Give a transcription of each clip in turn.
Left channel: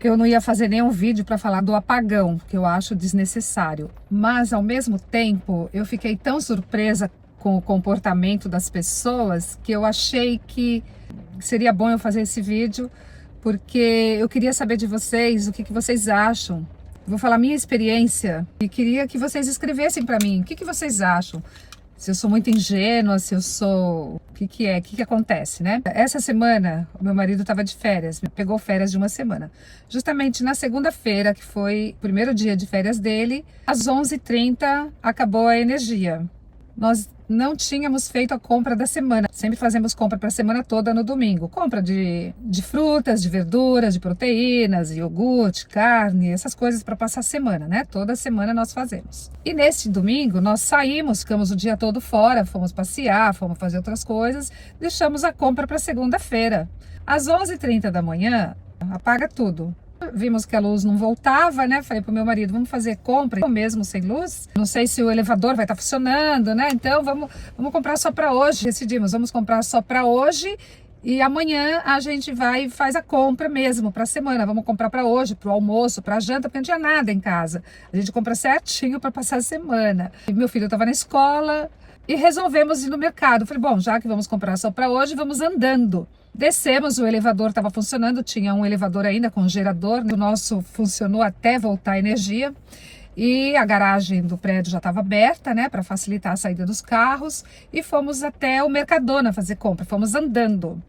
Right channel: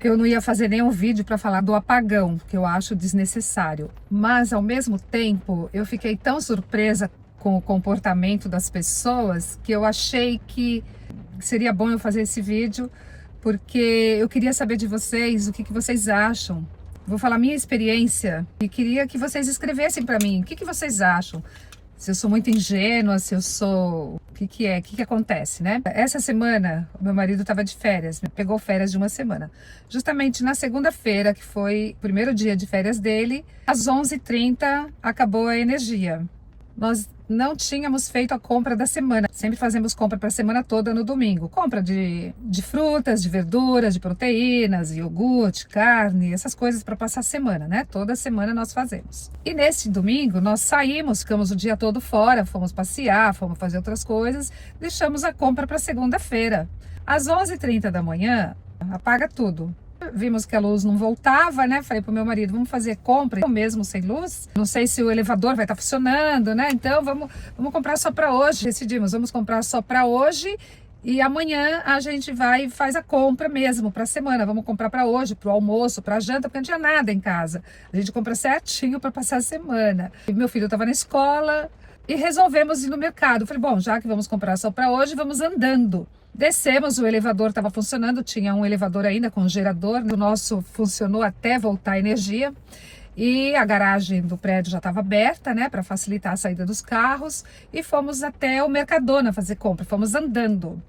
Eu não ia fazer nenhum vídeo para falar do apagão, que eu acho desnecessário. Mas, ao mesmo tempo, eu fiquei tão surpresa com o comportamento das pessoas que eu achei que seria bom eu fazer esse vídeo, porque eu queria saber de vocês o que vocês acham. Vou falar minha experiência e queria que vocês escrevessem para mim o que vocês acham. Se eu sou muito ingênua, se eu sou... O que acontece, né? Essa semana, o meu marido estava de férias, pegou férias de uma semana. Justamente na segunda-feira, que foi o primeiro dia de férias dele, às 11h30 acabou a energia. Nós não tínhamos feito a compra da semana. Sempre fazemos compra para a semana toda no domingo. Compra de frutas, de verduras, de proteínas, iogurte, carne, essas coisas para passar a semana, né? Toda semana nós fazemos. E neste domingo nós saímos, ficamos o dia todo fora, fomos passear, fomos fazer outras coisas, deixamos a compra para segunda-feira. Às 11h30 da manhã, apaga tudo. Vimos que a luz não voltava, né? Falei pro meu marido, vamos fazer compra mesmo sem luz? Não sei se o elevador vai estar funcionando, né? Então vamos comprar só para hoje. Decidimos, vamos comprar só para hoje e amanhã a gente vai e faz a compra mesmo para a semana. Vamos comprar para hoje, para o almoço, para a janta, porque não tinha nada em casa. A gente compra certinho para passar a semana. E meu filho estava na escola e resolvemos ir no mercado. Falei, bom, já que vamos comprar só para hoje, vamos andando. Descemos, o elevador estava funcionando, tinha um elevador ainda com gerador, o nosso funcionou até voltar a energia e a garagem do prédio já estava aberta, né, para facilitar a saída dos carros e fomos até o Mercadona fazer compra, fomos andando.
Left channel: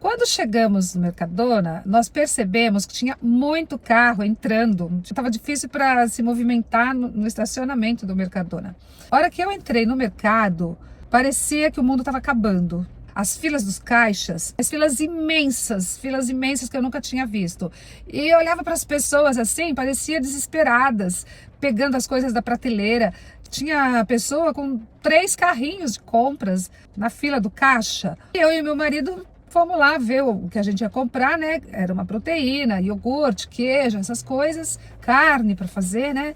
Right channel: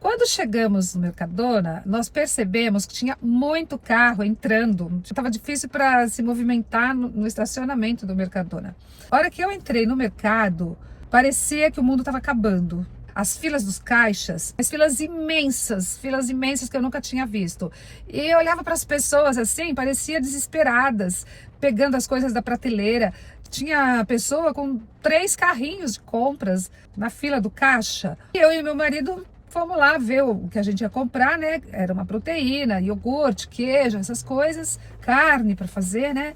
Quando chegamos no Mercadona, nós percebemos que tinha muito carro entrando, estava difícil para se movimentar no estacionamento do Mercadona. A hora que eu entrei no mercado, parecia que o mundo estava acabando. As filas dos caixas, as filas imensas que eu nunca tinha visto. E eu olhava para as pessoas assim, parecia desesperadas, pegando as coisas da prateleira. Tinha pessoa com 3 carrinhos de compras na fila do caixa. Eu e meu marido fomos lá ver o que a gente ia comprar, né? Era uma proteína, iogurte, queijo, essas coisas, carne para fazer, né?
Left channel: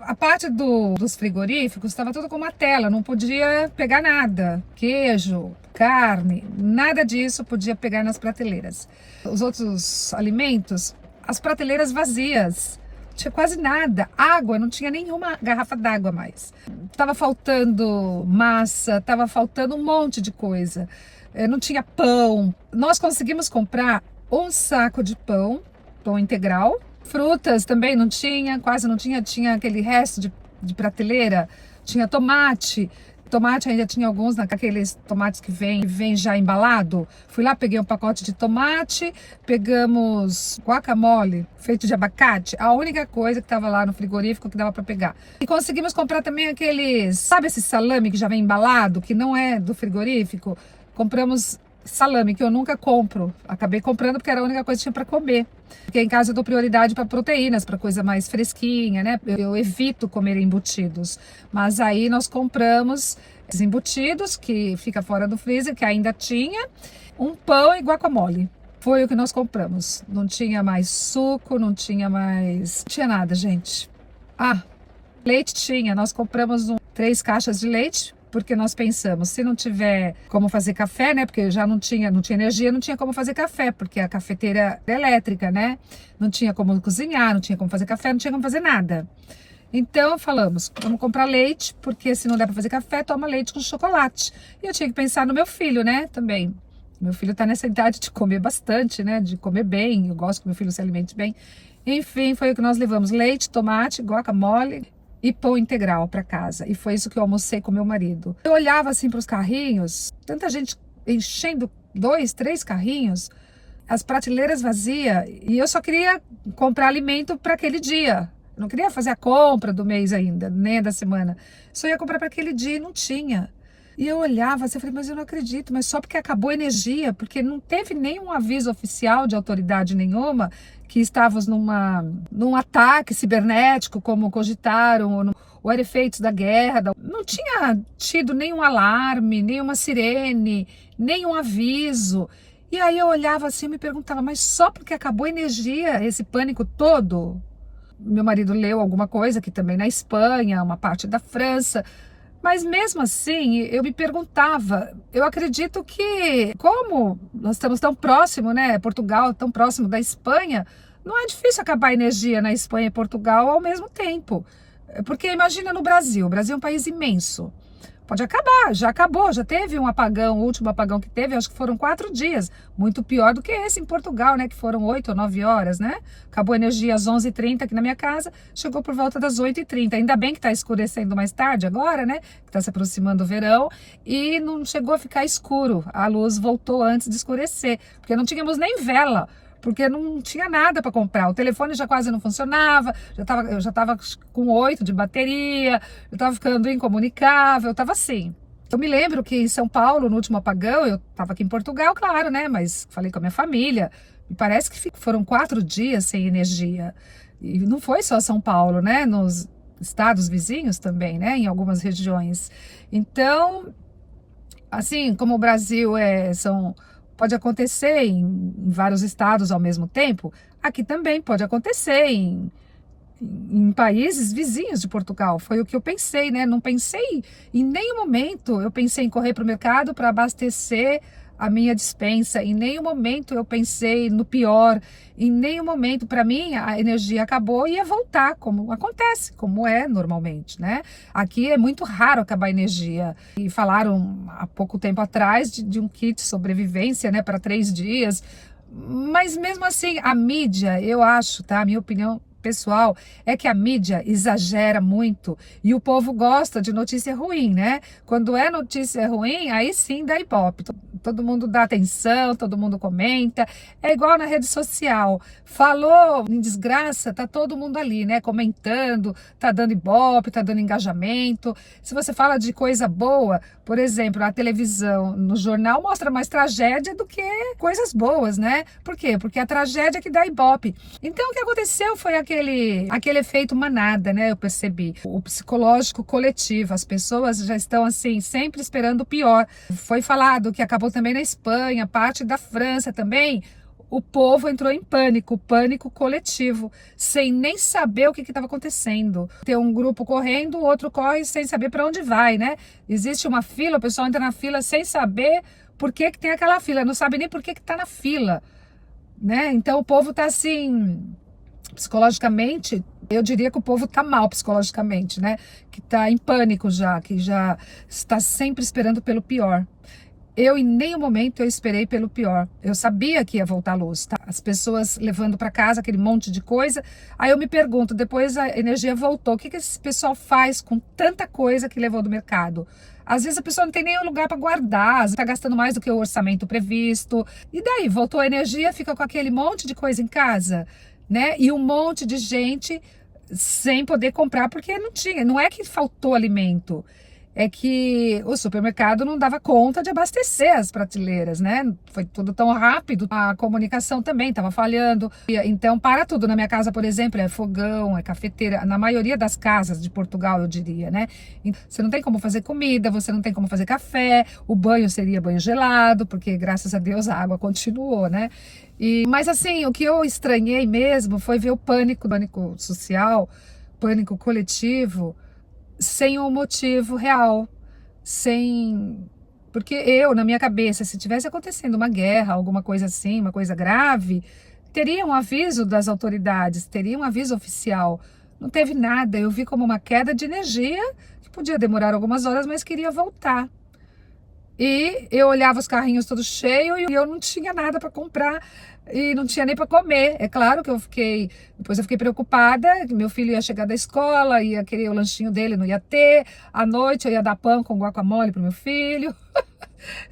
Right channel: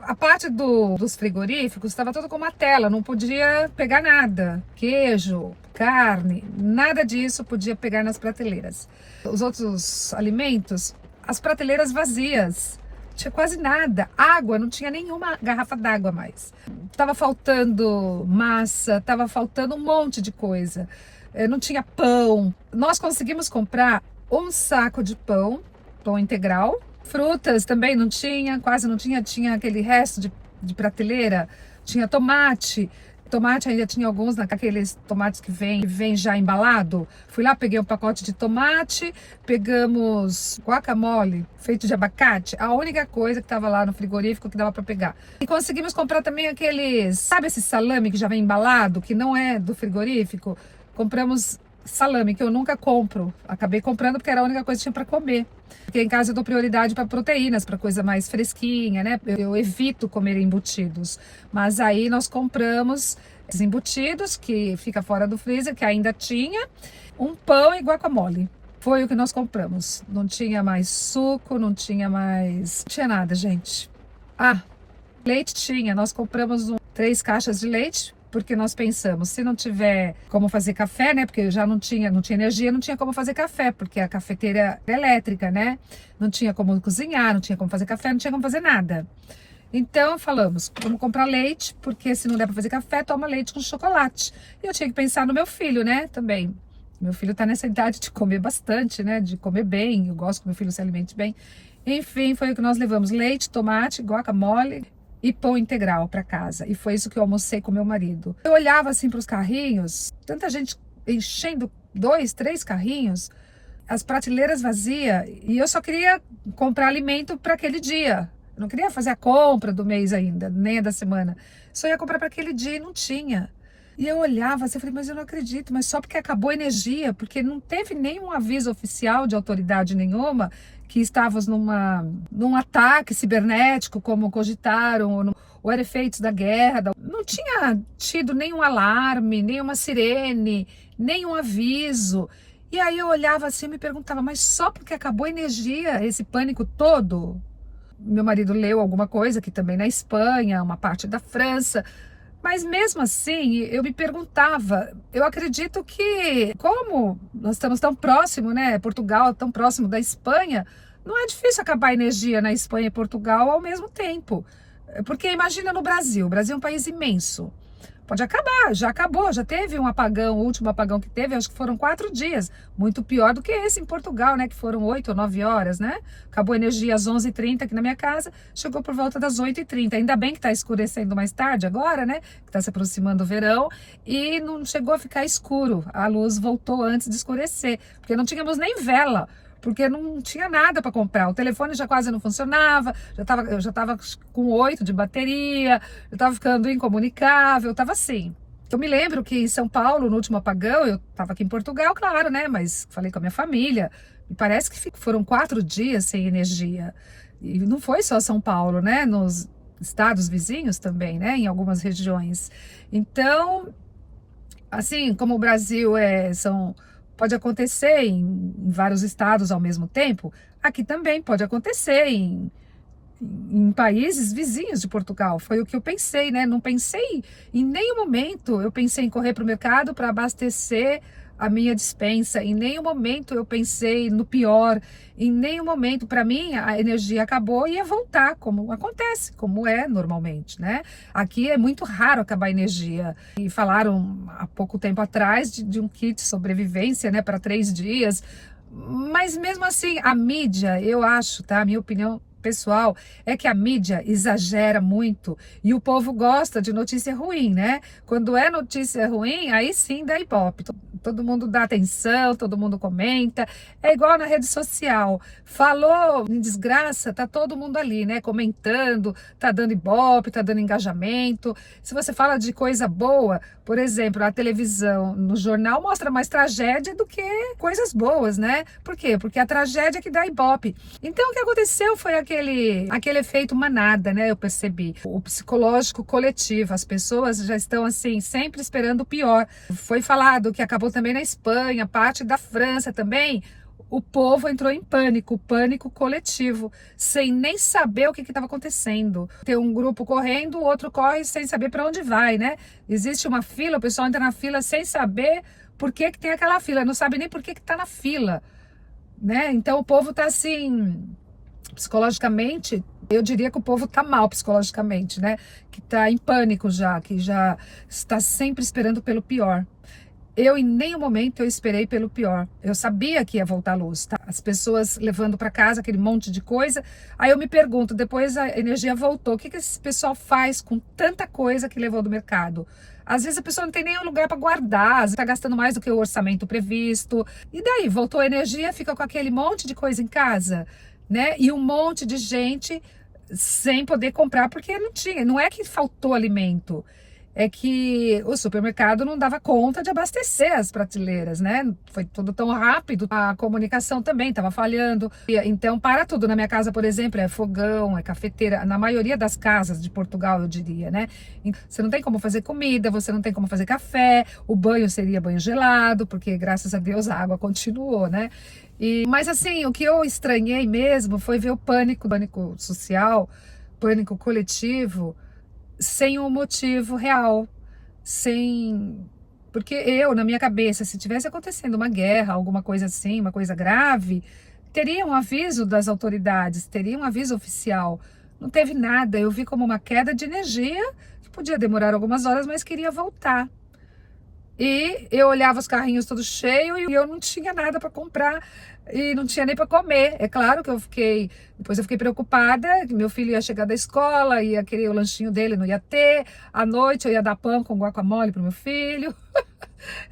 A parte dos frigoríficos estava tudo com uma tela, não podia pegar nada. Queijo, carne, nada disso podia pegar nas prateleiras. Os outros alimentos, as prateleiras vazias. Não tinha quase nada. Água, não tinha nenhuma garrafa d'água mais. Tava faltando massa, tava faltando um monte de coisa. Não tinha pão. Nós conseguimos comprar um saco de pão integral. Frutas também não tinha, quase não tinha. Tinha aquele resto de prateleira. Tinha tomate. Tomate ainda tinha alguns naqueles tomates que vem já embalado. Fui lá, peguei um pacote de tomate, pegamos guacamole feito de abacate, a única coisa que estava lá no frigorífico que dava para pegar. E conseguimos comprar também aqueles, sabe esse salame que já vem embalado, que não é do frigorífico? Compramos salame, que eu nunca compro. Acabei comprando porque era a única coisa que tinha para comer. Porque em casa eu dou prioridade para proteínas, para coisa mais fresquinha, né? Eu evito comer embutidos. Mas aí nós compramos esses embutidos, que fica fora do freezer, que ainda tinha, um pão e guacamole. Foi o que nós compramos. Não tinha mais suco, não tinha nada, gente. Ah, leite tinha. Nós compramos 3 caixas de leite, porque nós pensamos, se não tiver como fazer café, né? Porque já não tinha energia, não tinha como fazer café, porque a cafeteira é elétrica, né? Não tinha como cozinhar, não tinha como fazer café, não tinha como fazer nada. Então falamos, vamos comprar leite, porque se não der para fazer café, toma leite com chocolate. E eu tinha que pensar no meu filho, né? Também. Meu filho tá nessa idade de comer bastante, né? De comer bem, eu gosto que meu filho se alimente bem. Enfim, foi o que nós levamos: leite, tomate, guacamole e pão integral para casa. E foi isso que eu almocei com meu marido. Eu olhava assim para os carrinhos, tanta gente enchendo 2, 3 carrinhos, as prateleiras vazias, e eu só queria comprar alimento para aquele dia. Eu não queria fazer a compra do mês ainda, nem da semana. Só ia comprar para aquele dia e não tinha. E eu olhava assim, eu falei, mas eu não acredito, mas só porque acabou a energia, porque não teve nenhum aviso oficial de autoridade nenhuma que estávamos num ataque cibernético, como cogitaram, ou era efeitos da guerra. Não tinha tido nenhum alarme, nenhuma sirene, nenhum aviso. E aí eu olhava assim e me perguntava, mas só porque acabou a energia, esse pânico todo? Meu marido leu alguma coisa aqui também na Espanha, uma parte da França. Mas mesmo assim, eu me perguntava, eu acredito que, como nós estamos tão próximo, né, Portugal tão próximo da Espanha, Não é difícil acabar a energia na Espanha e Portugal ao mesmo tempo. Porque imagina no Brasil. O Brasil é um país imenso. Pode acabar, já acabou, já teve um apagão, o último apagão que teve, acho que foram 4 dias. Muito pior do que esse em Portugal, né? Que foram 8 ou 9 horas, né? Acabou a energia às 11h30 aqui na minha casa, chegou por volta das 8h30. Ainda bem que está escurecendo mais tarde agora, né? Que está se aproximando o verão. E não chegou a ficar escuro. A luz voltou antes de escurecer, porque não tínhamos nem vela. Porque não tinha nada para comprar. O telefone já quase não funcionava, eu já estava com 8 de bateria, eu estava ficando incomunicável, estava assim. Eu me lembro que em São Paulo, no último apagão, eu estava aqui em Portugal, claro, né? Mas falei com a minha família, me parece que foram 4 dias sem energia. E não foi só São Paulo, né? Nos estados vizinhos também, né? Em algumas regiões. Então, assim, como o Brasil pode acontecer em vários estados ao mesmo tempo, aqui também pode acontecer em países vizinhos de Portugal. Foi o que eu pensei, né? Não pensei em nenhum momento, eu pensei em correr para o mercado para abastecer a minha despensa. Em nenhum momento eu pensei no pior. Em nenhum momento, para mim, a energia acabou e ia voltar, como acontece, como é normalmente, né? Aqui é muito raro acabar a energia. E falaram há pouco tempo atrás de um kit sobrevivência, né, para 3 dias. Mas mesmo assim, a mídia, eu acho, tá? A minha opinião pessoal é que a mídia exagera muito e o povo gosta de notícia ruim, né? Quando é notícia ruim, aí sim dá ibope. Todo mundo dá atenção, todo mundo comenta. É igual na rede social. Falou em desgraça, tá todo mundo ali, né? Comentando, tá dando ibope, tá dando engajamento. Se você fala de coisa boa, por exemplo, a televisão, no jornal mostra mais tragédia do que coisas boas, né? Por quê? Porque a tragédia é que dá ibope. Então o que aconteceu foi aquele efeito manada, né? Eu percebi. O psicológico coletivo, as pessoas já estão assim, sempre esperando o pior. Foi falado que acabou também na Espanha, parte da França também. O povo entrou em pânico coletivo, sem nem saber o que estava acontecendo. Tem um grupo correndo, o outro corre sem saber para onde vai, né? Existe uma fila, o pessoal entra na fila sem saber por que tem aquela fila, não sabe nem por que está na fila, né? Então o povo está assim, psicologicamente, eu diria que o povo está mal psicologicamente, né? Que está em pânico já, que já está sempre esperando pelo pior. Eu, em nenhum momento, eu esperei pelo pior. Eu sabia que ia voltar a luz, tá? As pessoas levando para casa aquele monte de coisa. Aí eu me pergunto, depois a energia voltou, o que esse pessoal faz com tanta coisa que levou do mercado? Às vezes a pessoa não tem nem um lugar para guardar, está gastando mais do que o orçamento previsto. E daí, voltou a energia, fica com aquele monte de coisa em casa, né? E um monte de gente sem poder comprar porque não tinha. Não é que faltou alimento, é que o supermercado não dava conta de abastecer as prateleiras, né? Foi tudo tão rápido, a comunicação também estava falhando. Então, para tudo. Na minha casa, por exemplo, é fogão, é cafeteira. Na maioria das casas de Portugal, eu diria, né? Você não tem como fazer comida, você não tem como fazer café, o banho seria banho gelado, porque graças a Deus a água continuou, né? Mas assim, o que eu estranhei mesmo foi ver o pânico social, pânico coletivo, sem um motivo real, porque na minha cabeça, se tivesse acontecendo uma guerra, alguma coisa assim, uma coisa grave, teria um aviso das autoridades, teria um aviso oficial. Não teve nada, eu vi como uma queda de energia, que podia demorar algumas horas, mas queria voltar. E eu olhava os carrinhos todos cheios e eu não tinha nada para comprar e não tinha nem para comer. É claro que depois eu fiquei preocupada, que meu filho ia chegar da escola, ia querer o lanchinho dele, não ia ter. À noite eu ia dar pão com guacamole pro meu filho.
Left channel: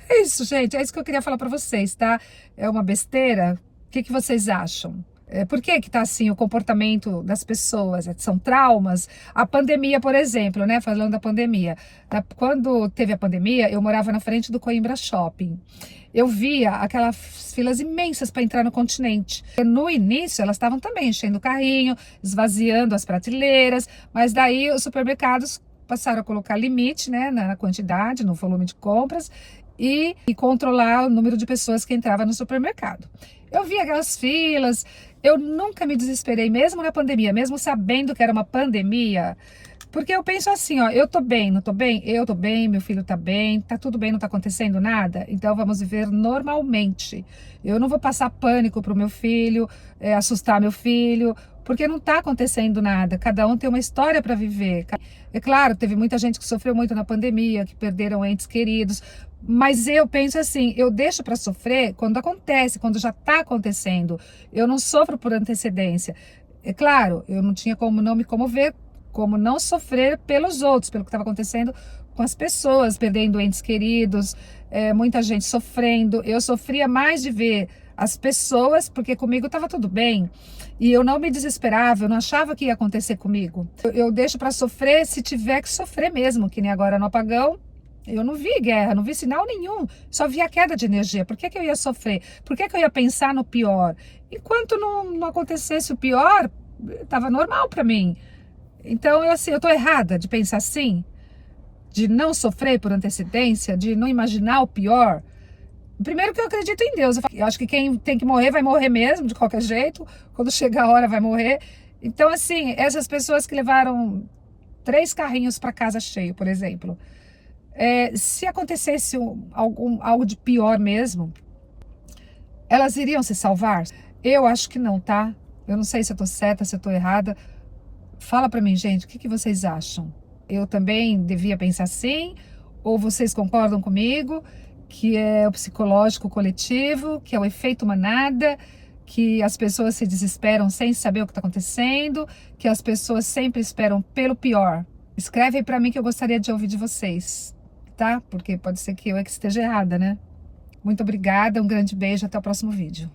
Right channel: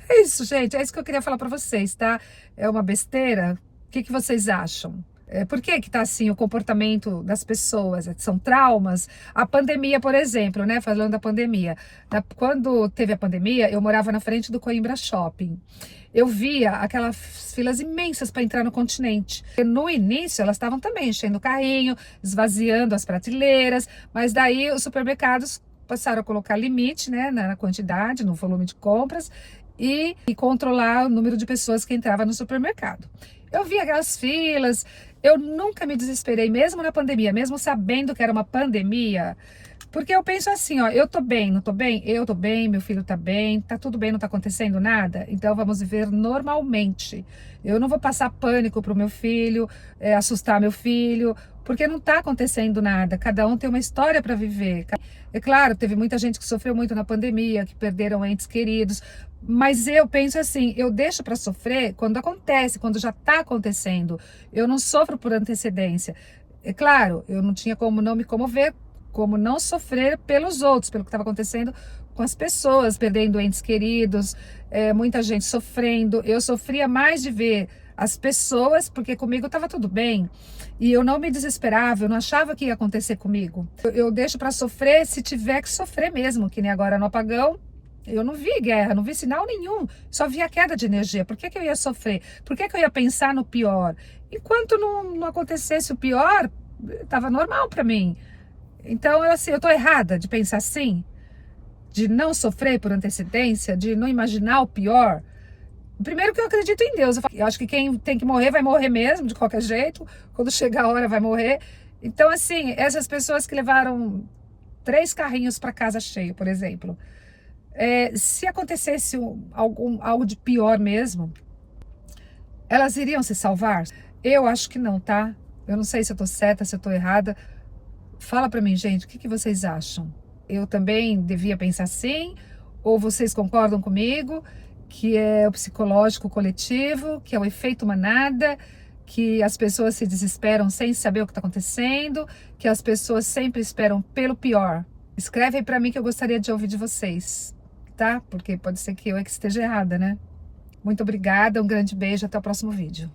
É isso, gente, é isso que eu queria falar para vocês, tá? É uma besteira? O que vocês acham? Por que tá assim o comportamento das pessoas? São traumas? A pandemia, por exemplo, né? Falando da pandemia. Quando teve a pandemia, eu morava na frente do Coimbra Shopping. Eu via aquelas filas imensas para entrar no Continente. No início, elas estavam também enchendo o carrinho, esvaziando as prateleiras, mas daí os supermercados passaram a colocar limite, né, na quantidade, no volume de compras e controlar o número de pessoas que entravam no supermercado. Eu via aquelas filas, eu nunca me desesperei, mesmo na pandemia, mesmo sabendo que era uma pandemia, Porque eu penso assim, ó, eu tô bem, não tô bem? Eu tô bem, meu filho tá bem, tá tudo bem, não tá acontecendo nada? Então vamos viver normalmente. Eu não vou passar pânico pro meu filho, assustar meu filho, porque não tá acontecendo nada. Cada um tem uma história para viver. É claro, teve muita gente que sofreu muito na pandemia, que perderam entes queridos, mas eu penso assim, eu deixo para sofrer quando acontece, quando já tá acontecendo. Eu não sofro por antecedência. É claro, eu não tinha como não me comover, como não sofrer pelos outros, pelo que estava acontecendo com as pessoas, perdendo entes queridos, muita gente sofrendo. Eu sofria mais de ver as pessoas, porque comigo estava tudo bem. E eu não me desesperava, eu não achava que ia acontecer comigo. Eu deixo para sofrer se tiver que sofrer mesmo, que nem agora no apagão. Eu não vi guerra, não vi sinal nenhum, só vi a queda de energia. Por que eu ia sofrer? Por que eu ia pensar no pior? Enquanto não acontecesse o pior, estava normal para mim. Então, eu tô errada de pensar assim, de não sofrer por antecedência, de não imaginar o pior. Primeiro que eu acredito em Deus. Eu acho que quem tem que morrer vai morrer mesmo, de qualquer jeito. Quando chegar a hora vai morrer. Então, assim, essas pessoas que levaram 3 carrinhos para casa cheio, por exemplo, se acontecesse algo de pior mesmo, elas iriam se salvar? Eu acho que não, tá? Eu não sei se eu tô certa, se eu tô errada. Fala pra mim, gente, o que vocês acham? Eu também devia pensar assim? Ou vocês concordam comigo que é o psicológico coletivo, que é o efeito manada, que as pessoas se desesperam sem saber o que está acontecendo, que as pessoas sempre esperam pelo pior? Escreve aí pra mim que eu gostaria de ouvir de vocês, tá? Porque pode ser que eu é que esteja errada, né? Muito obrigada, um grande beijo, até o próximo vídeo.